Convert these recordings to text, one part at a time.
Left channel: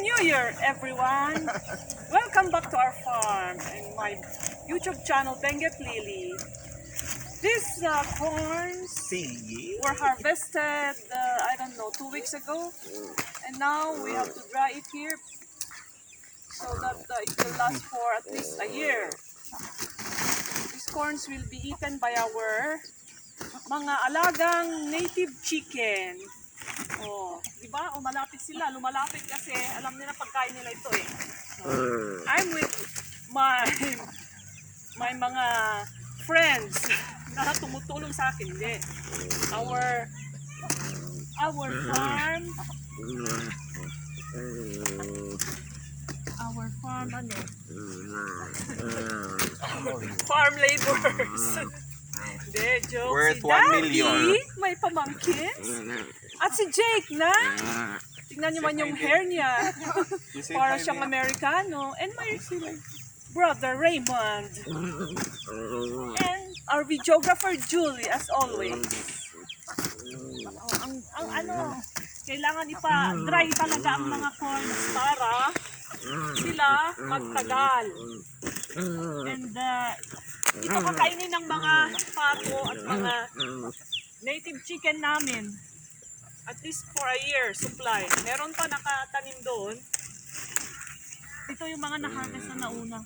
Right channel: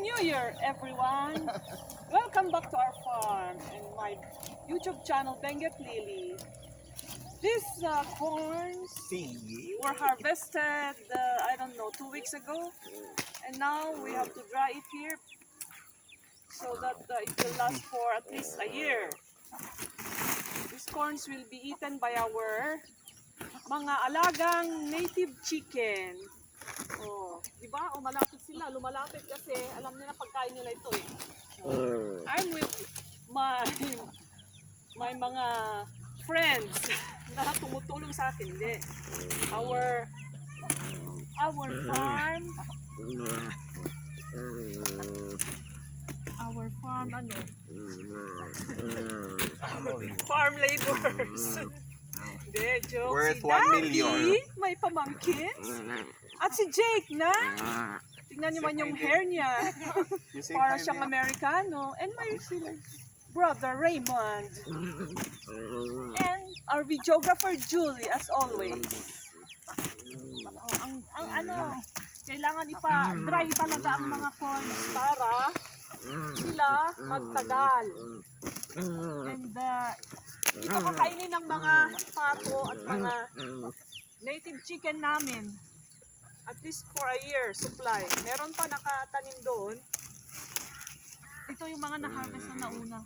New Year, everyone! Welcome back to our farm and my YouTube channel, Benguet Lily. These corns were harvested, I don't know, 2 weeks ago. And now we have to dry it here so that it will last for at least a year. These corns will be eaten by our mga alagang native chicken. Oh, di ba? Malapit sila, lumalapit kasi alam nila pagkain nila ito eh. I'm with my mga friends na tumutulong sa akin. Hindi. Our farm ano? Farm laborers. Hindi, joke. Worth Si 1 million. Daddy, may pamangkins. At si Jake na. Tingnan niyo man yung hair niya. Para siyang Amerikano. And my brother Raymond. And our videographer Julie, as always. Ang ano, kailangan ipa-dry talaga ang mga corns para sila magtagal. And ito kakainin ng mga pato at mga native chicken namin. At least for a year supply. Meron pa nakatanim doon. Ito yung mga na-harvest na nauna.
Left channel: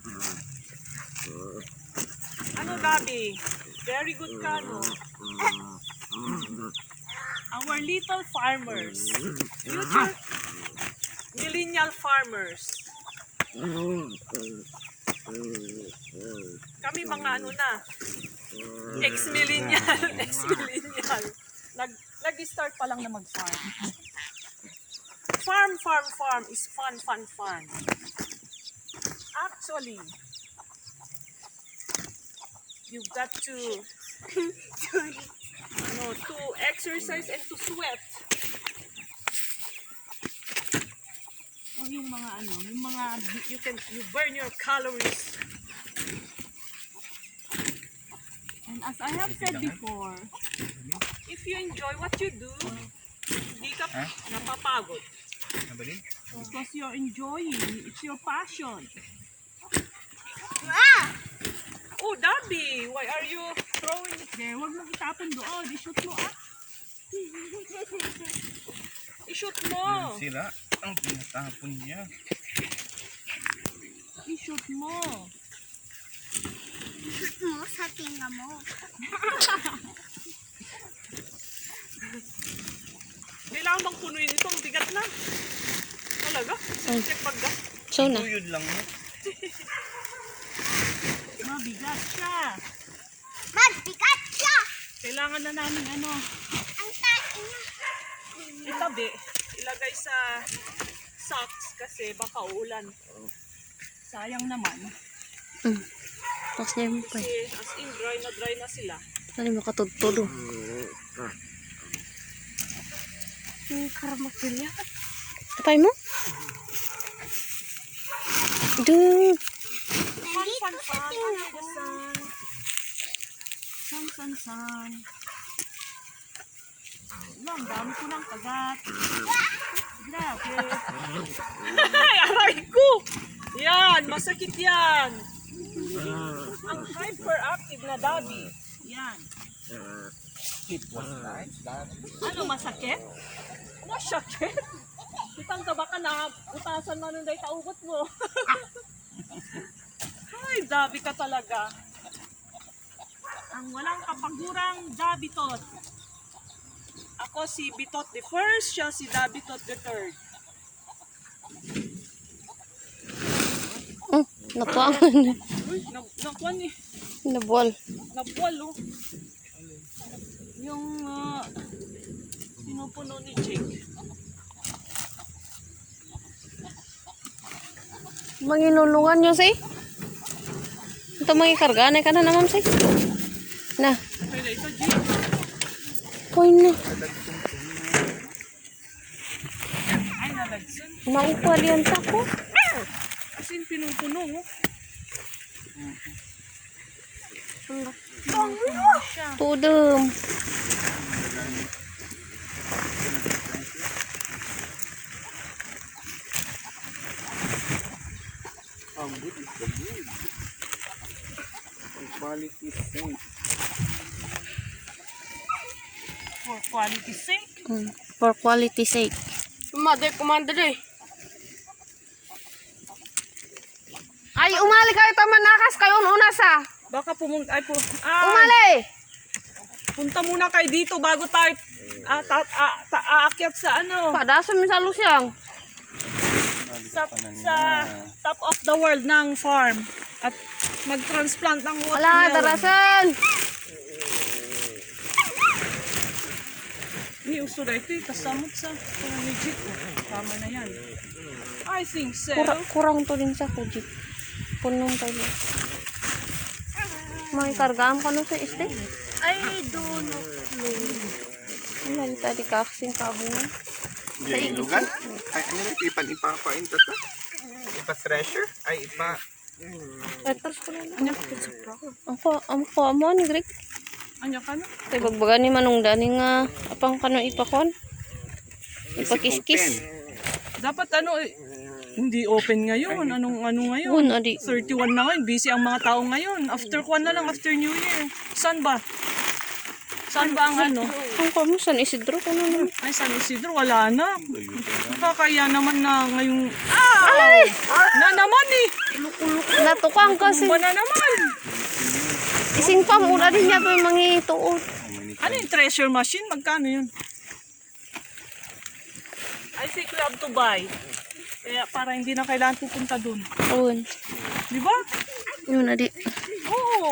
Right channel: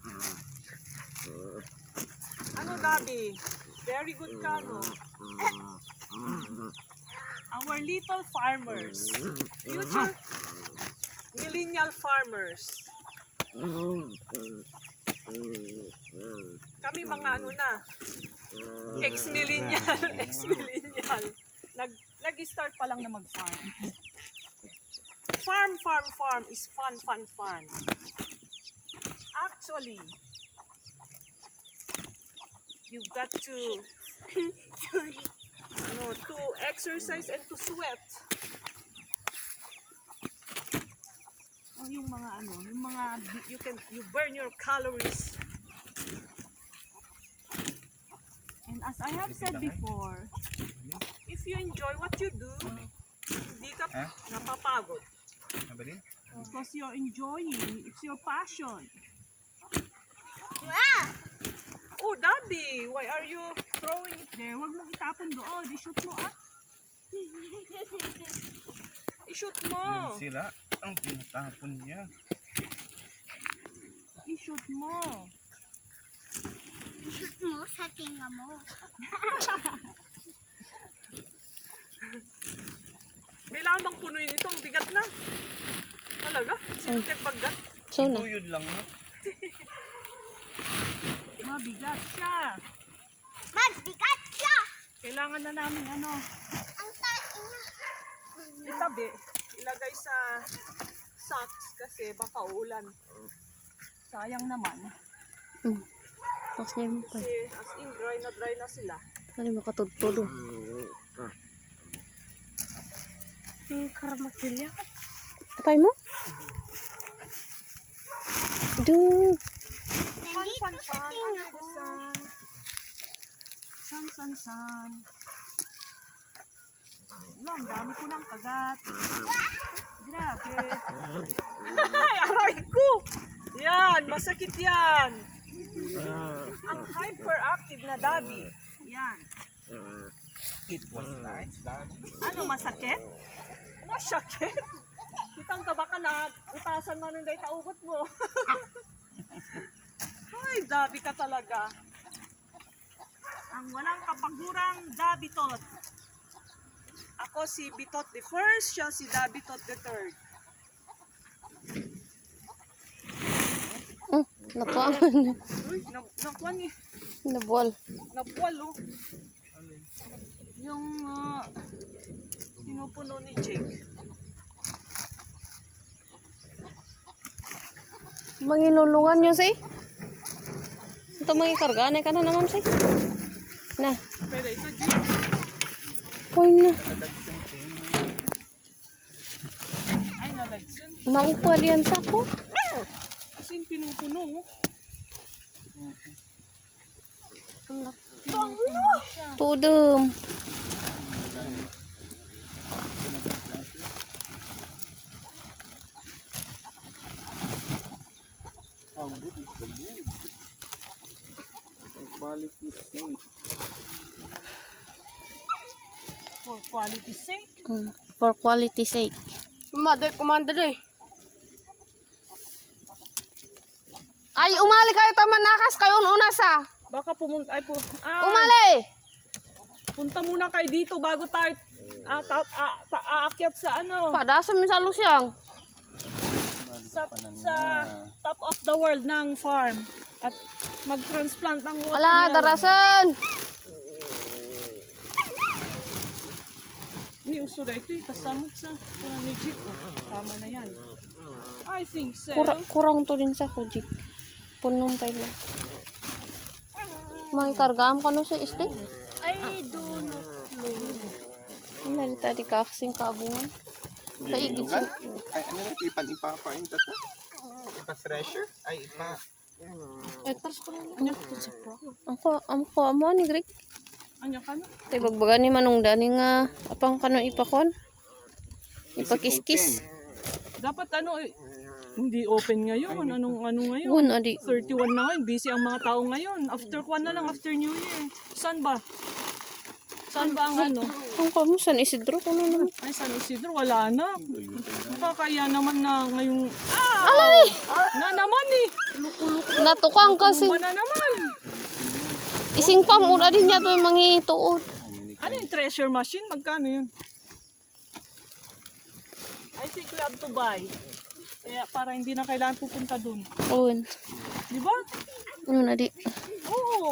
Ano, Gabi? Very good ka, no? Our little farmers. Future millennial farmers. Kami mga ano na. Ex-millennial. Nag-start pa lang na mag-farm. Farm is fun. Actually, you've got to to exercise and to sweat. O yung mga you burn your calories. And as I have said before, if you enjoy what you do, hindi ka napapagod. Because you're enjoying, it's your passion. Oh, Daddy, why are you throwing it there? Huwag mong itapon doon. I-shoot mo, I-shoot mo. Sila ang pinatapon niya. I-shoot mo. I-shoot mo sa tinga mo. Kailangan bang punuin ito? Ang bigat na. Talaga? Check paggat. So na. Yun lang mo. Mabigat siya. Magbigat siya! Kailangan na namin Ang tain niya. itabi. Ilagay sa socks kasi baka uulan. Sayang naman. Tapos niya mo pa. Kasi as in dry na sila. Ano yung makatudtod o? Yung karamapilya. Tapay mo? Dude! San. Ang dami ko ng kagat. Grabe. Ay, aray ko! Yan, masakit yan. Ang hyperactive na Daddy. Yan. It was nice, Daddy. Ano, masakit? Masakit? Itang taba ka na, utasan mo nung kaugot mo. Ay, Dabi ka talaga. Ang walang kapagurang Dabitot. Ako si Bitot the first, siya si Dabitot the third. Napuangan. Nakuan eh. Nabuwal. Nabuwal oh. Yung pinupuno ni Jake. Mangilulungan nyo si? Ito mangikarga. Anay ka na naman si? Na. Pero ito Jake. Koy na. Ay, nalagsan. Maikwal yan sa ko. Kasi pinupuno oh. Pudum. Quality sink. For quality sake. For quality sake. Commander eh. Ay, umali kayo taman nakas kayo una sa. Baka pumunta, Umali! punta muna kayo dito bago tayo aakyat sa ano, Padasan mo sa lusyang. sa top of the world ng farm. At mag-transplant ng Wala, watermelon. darasan. Ni uso na ito, kasamot sa legit. Tama na yan. I think so. Kurang to din sa kuji. Punong tayo. May kargaan ka no sa isde? I do not Wala, tadi kakasing kabungan. Yung lugan? Ay, ano rin? Ipan-ipapain tata? Ipa-thresher? Ay, ipa... Peters ko na. Ang pa mo ni Greg. Anya ka na? Tay bagbaga ni manong dani nga apang kano ipakon. Ipakis-kis. Dapat ano, hindi open ngayon. Ano ngayon? Bun adi. 31 na ngayon. Busy ang mga tao ngayon. After kwan na lang, after New Year. Saan ba? Saan ba ang ano? Ang kamusan Isidro ko na. Ay, San Isidro, wala na. Nakakaya naman na ngayong... Na naman eh! Natukang kasi. Ba na naman? Ising pang ura din niya to yung mga ituon. Ano yung treasure machine? Magkano yun? I think we have to buy. Kaya para hindi na kailangan pupunta dun. Awan. Di ba? Yun adi. Oo.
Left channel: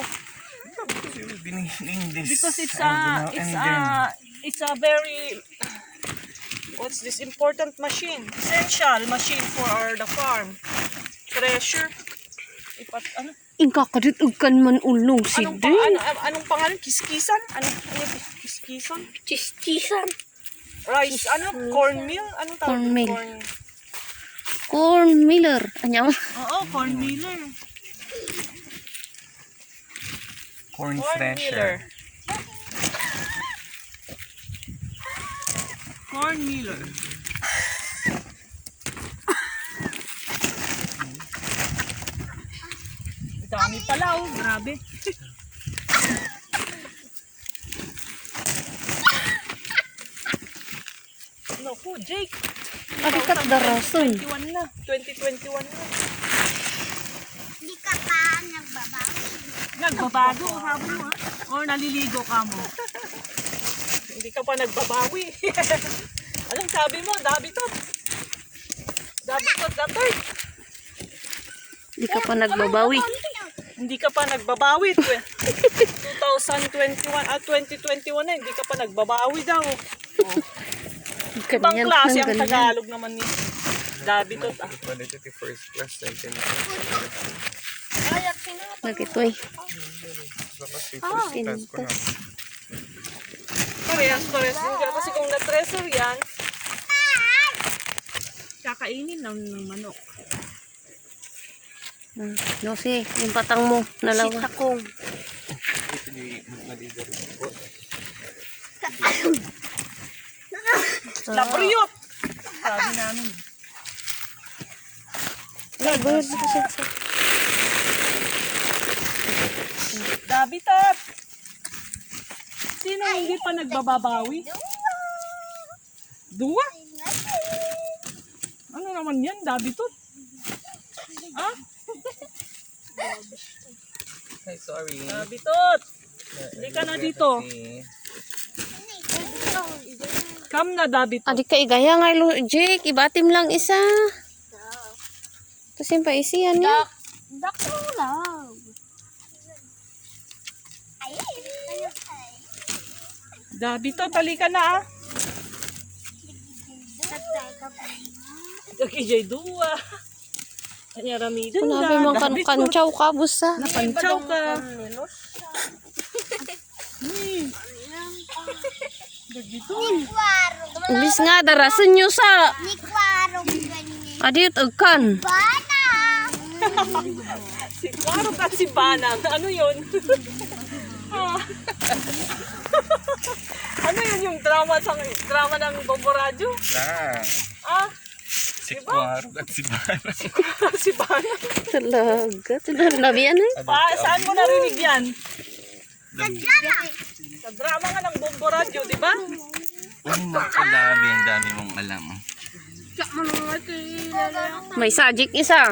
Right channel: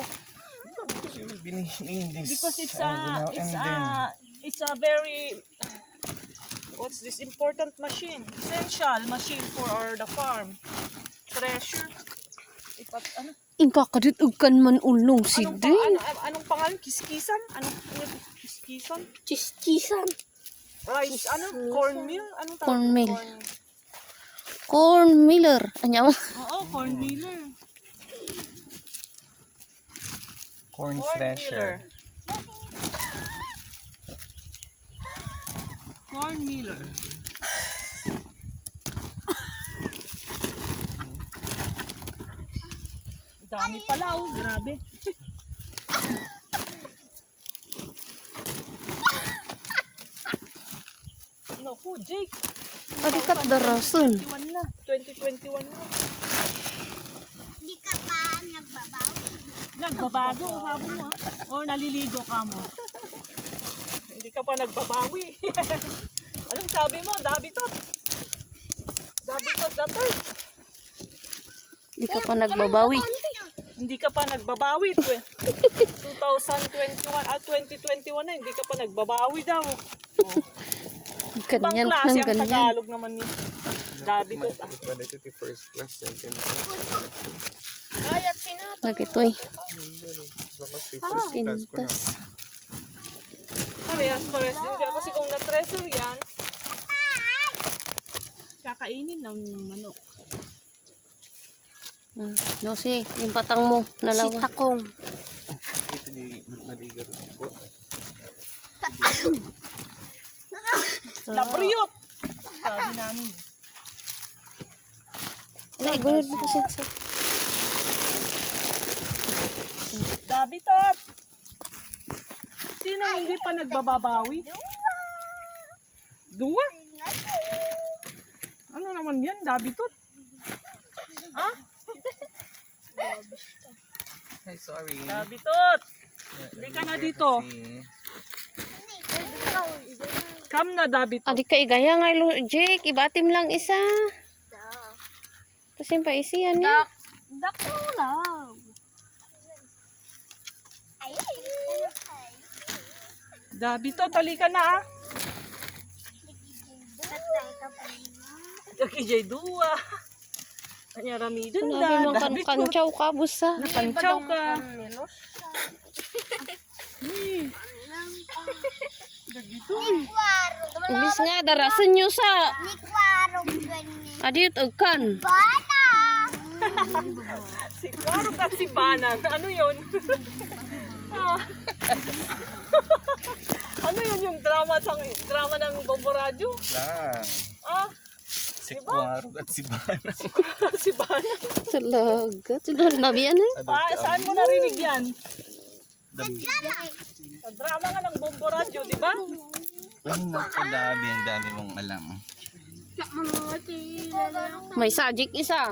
Binihin this. Because it's and then, it's a very... What's this important machine? Essential machine for the farm. Treasure. Ano? Ingkakaditugan man ulong si Anong, Den. anong pangalan? Kiskisan? Anong kiskisan? Chisan. Rice, cornmeal? Anong tawag? Cornmeal. Corn Miller. Anya mo? Oo, cornmealer. corn Cornmealer. thresher. Cornmealer. Dami pala oh, grabe. Naku, Jake. Adikat darason. 21 na. 2021 na. Hindi ka pa nagbabawi. Nagbabago, habo mo ha? O naliligo ka mo? Hindi ka pa nagbabawi. Anong sabi mo? Dabitot. Dabitot, datot. Di ka pa nagbabawi. Hindi ka pa nagbabawi. 2021 2021 na, hindi ka pa nagbabawi daw. Ibang Ganyan klase ng ang ganyan. Tagalog naman ni Dabitot ah. Quality first class. Nagitoy. First class ko na. Parehas din ka. Kasi kung na-treasure yan, kakainin ng manok. Yosi, yung patang mo. Nalawa. Sitakong. Labriot! Sabi namin. Dabitot! Sino hindi pa nagbababawi? Dua? Ano naman yan, Dabitot? Ah? Ay, sorry. Dabitot! Hindi ka na dito. Come na, Dabitot. Adik ka igaya nga ilo, Jake. Ibatim lang isa. Kasi pa isiyan niya. Dakulaw. Dabitot, halika na ah. Daki dua. Anya ramidan Kunabi mo kanchaw ka, busa. Napanchaw ka. Ulis nga, darasan nyo sa. Ni kwarong ganyan. Adit, agkan. Bana! Si Marok at si Banang. Ano yun? Ah. Ano yun yung drama ng Bongo Radyo? Ah, Ah, si Si Kwarog at si Bana. Si Bana. Talaga. Sino nabiyan eh? Saan mo narinig yan? Sa drama nga ng Bombo Radio, di ba? Uy, nakalabi. Ang dami mong alam. May sajik isa.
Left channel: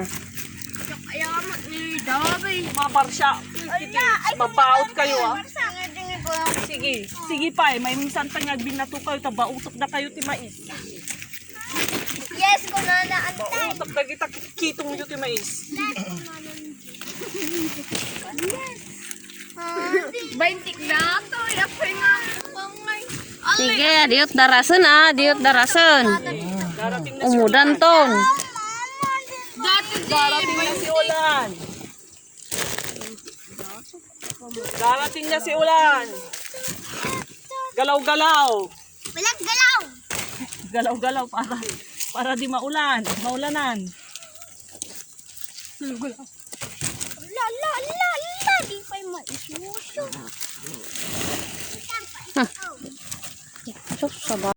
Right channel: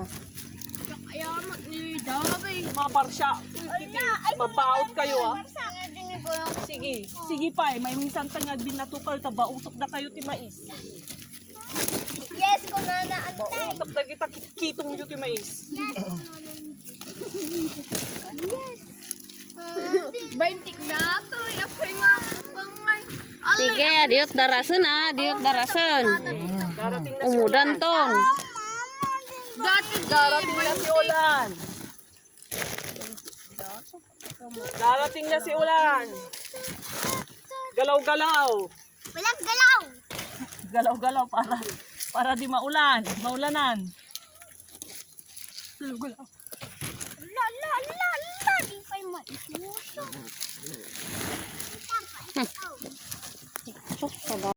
Mabar siya. Mabaot kayo ah. Sige. Sige pa may minsan pa nga binato kayo. Tabautok na kayo ti mais. Yes, ko na naantay. Bautok na kita kitong nyo ti mais. Baintik na to. Yapay nga. Pangay. Sige, diot darasan ah. Diot darasan. Darating na si Umudan ton. Darating na si Ulan. Darating na si Ulan. Galaw-galaw. Walang galaw. Galaw-galaw para di maulan. Maulanan. La la la la. Di pa'y maisusyo. Sus, sabay.